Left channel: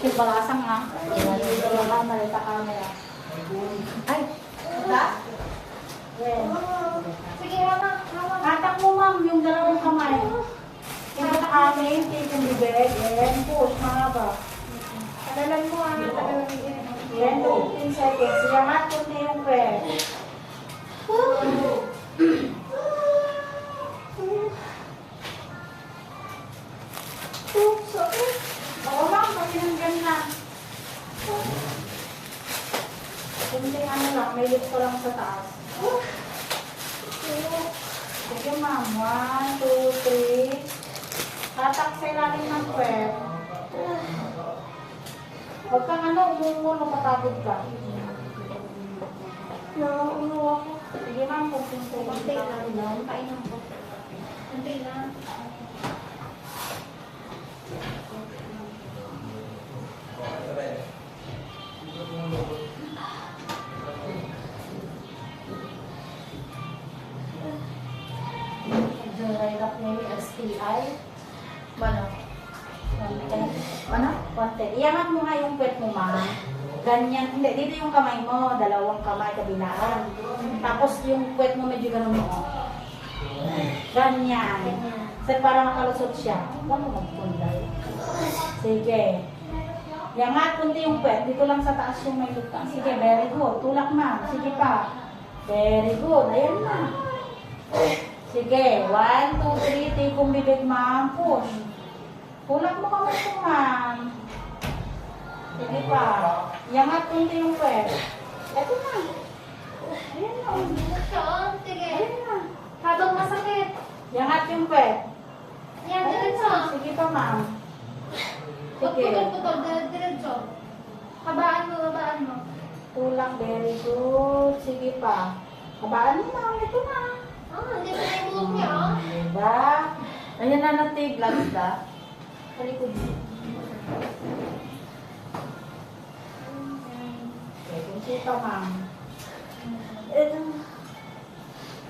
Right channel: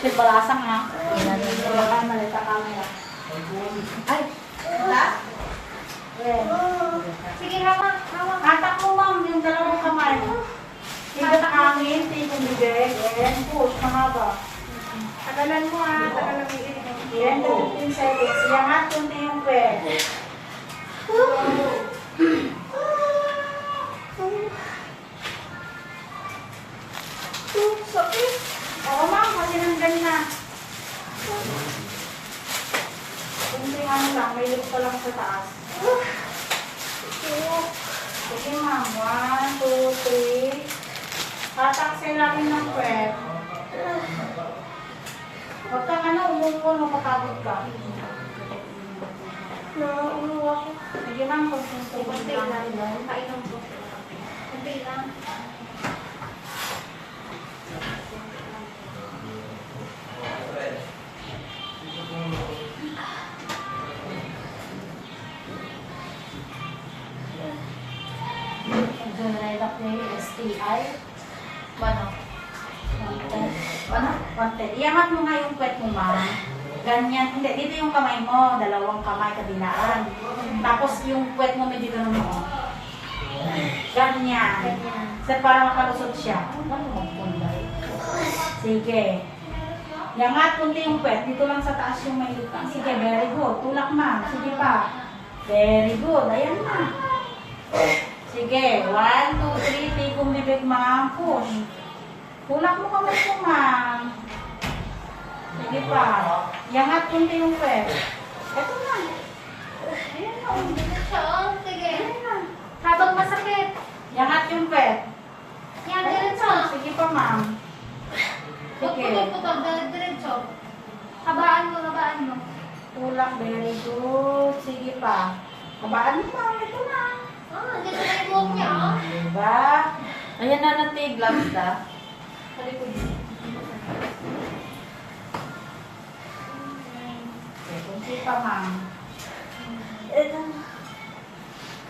Kasi balasang ha. Wala malita camera. Ay, wala? Sige, hawak. Hatak mo ma'am, yung dalawang kamay. Tingnan hangin, tingnan bibig, and push, mahaba. Tagalan mo ha. Tagalan mo yung Yan, 15 seconds. Iangat kunti yung pwede. Sakit. Oo ma'am, kasi nandyan na. Kunti ano lang, may lift pa lang sa taas. Sige ma'am, 1, 2, 3. Hatak sa ilalim ng pwede. Huwag kang umupo, mapapagod ka. Umuwa ko. Sige ma'am, kunti Kunti lang. Painom ko. Kunti lang. Relak niya yung STI. Ano? Konti. Iangat mo nga yung puwet mo, ma'am. Ganyan. Hindi, dito yung kamay mo. Dalawang kamay kabilaan. Tapos yung puwet mo medyo ganun mo. Ganyan. So, para makalusot siya. Ano mo magpunday? Sige. Iangat kunti yung puwet. Dito lang sa taas yung may lukang. Sige, very good. Tulak, ma'am. Sige pa. Very good. Ayan na. Sige. 1, 2, 3. Tikong bibig, ma'am. Push. Tulak mo kamay ko, ma'am. Sige pa. Iangat kunti yung puwet. Ito na. Ayan na. Sige. Ayan na. Habang masakit. Iangat yung puwet. Yan, Ayan diretso. na. Sige pa, ma'am. Huwag Sige. putol-putol. Diretso. Habaan mo. Tulak. Very good. Sige pa. Habaan mo, ma'am. Ito na. Hindi ko na yung buhok niya, oh. Diba? Ayan na natin, gloves na. Talikod. Okay, kunti pa, ma'am.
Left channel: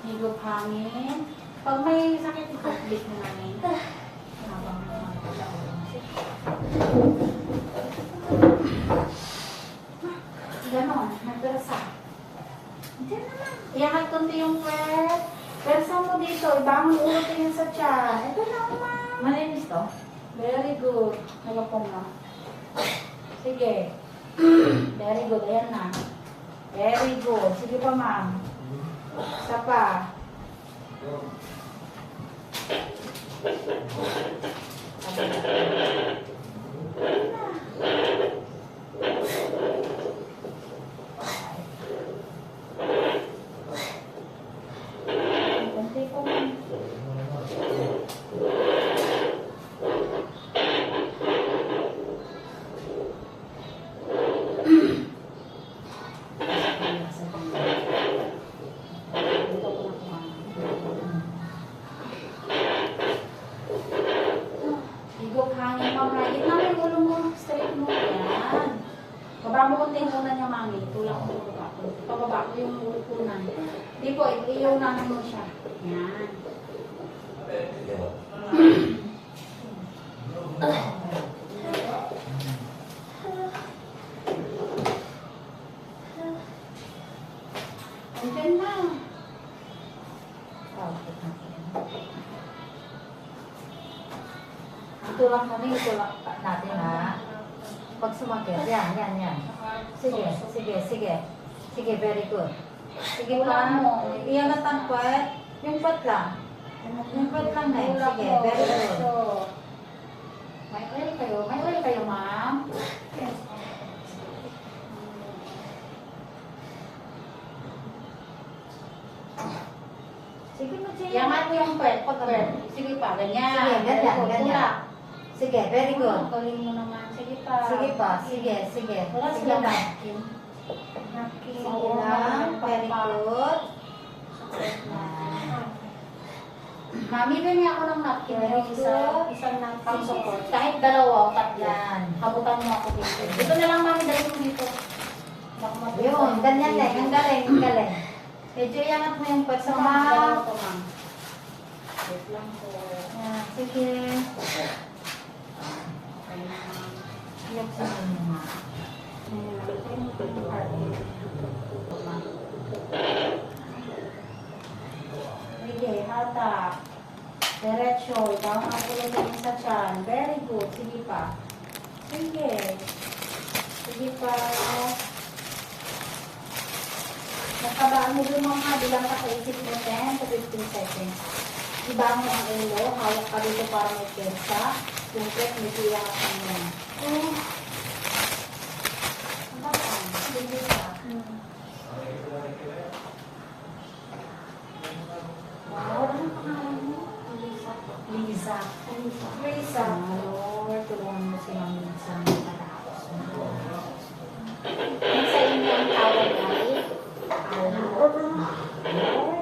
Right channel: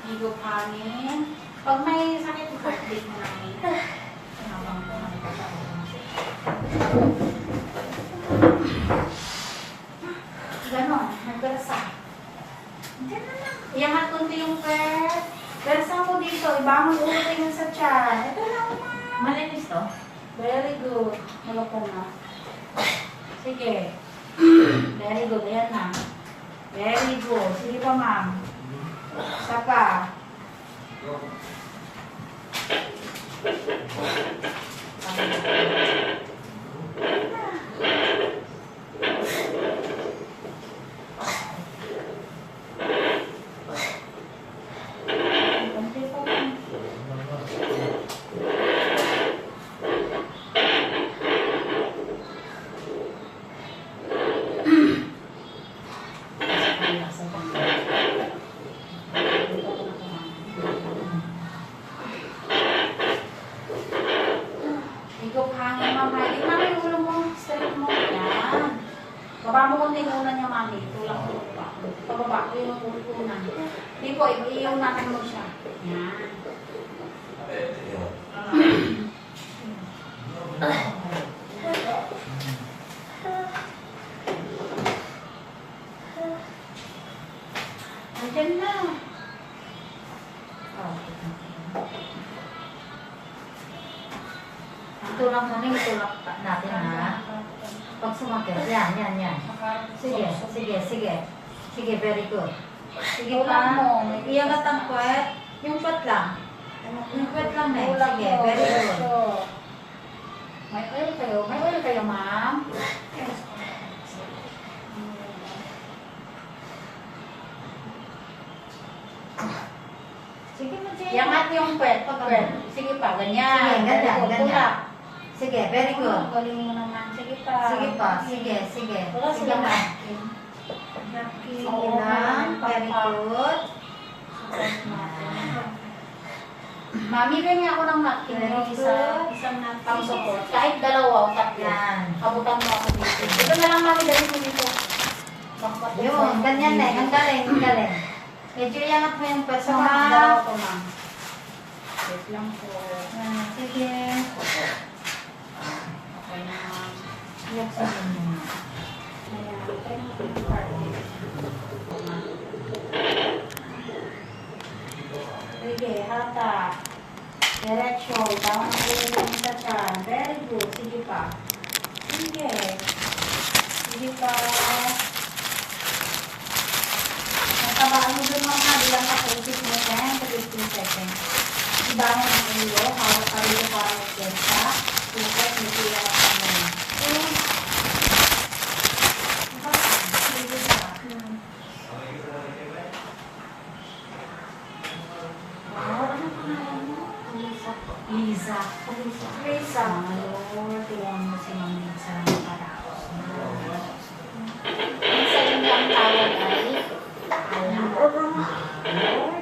Higop hangin. Pag may sakit, i-complete mo namin. Habang ganon, nagpersa. Diyan na lang. Iangat kunti yung pwet. Persa mo dito, ibang ulitin yung sa tiyan. Ito lang, ma'am. Malinis to? Very good. Halapan na. Sige. Very good. Ayan na. Very good. Sige pa, ma'am. Isa pa. Konti pa, ma'am. Higop hangin, mama. Ito na yung ulo mo. Straight mo. Yan. Baba mo konti yung una niya, mami. Tulak mo pa. Pababa ko yung unan. Hindi po, iunahan mo siya. Yan. Andyan na. Itulak mo rin, itulak natin ha. Pag sumakit, yan. Sige. Sige, very good. Sige Tulak pa. mo. Iangat ang puwet. Yung puwet lang. Yung puwet lang na. Tulak Sige, mo. very good. So, may oil kayo. May oil kayo, ma'am. Sige, Iangat yung puwet. Pag-puwet. Sige pa, ganyan. Sige, Very ganyan, good. ganyan. Tulak. Sige, very good. Galing mo naman. Sige pa. Sige pa, sige. Wala Sige sila pa. napkin. Sige lang, very good. Mami, ganyan ako ng napkin. Very good. Isang napkin. Pang support. Kahit dalawa o tatlo. Yan. Kabutan mo ako dito. Ito na lang, mami. Dali mo dito. Yun, ganyan na. Ang galing. Medyo iangat mo yung puwet So, mo, ma'am. ha? Dalawa ko, ma'am. Wait lang po. Sige. Okay na, ma'am. Iyaksinin mo nga. Ayan, tayo mo po yung card. Sige, hata. Diretso, down ang ulo ng sa tiyan. Very good. Sige pa. Sige. Sige pa. Natabaan mo dun mga bilang ka 30 mo 10 to 15 seconds. Ibangin ang ulo. Hawak ka dito para may pesa. Tupet, may tiyak at mga. Sige pa. Wow, anong pangalan mo? Lisa po. Liza. Lisa. Lisa. Lord, tulungan mo si Ma'am Lisa ng paraos. Ang sa inyong tawag ay, Lord,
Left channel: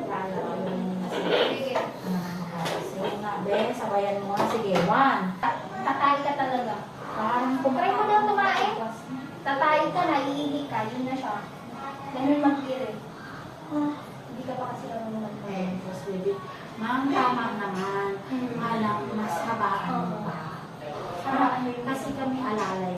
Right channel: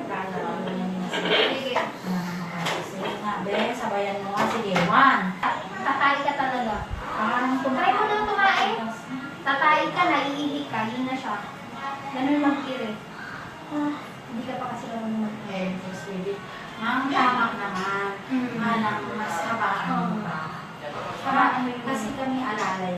lalaki mo naman si sige, Sige nga, be, sabayan mo nga. Sige, 1. tatay ka talaga. Parang Try mo lang kumain. Tatay ka, naiihi ka, yun na siya. Ganun mag-kiri. Hindi ka pa kasi ganun mag-kiri. Ma'am, tama naman. Mm. Anak, mas habaan mo pa. Kasi kami alalay.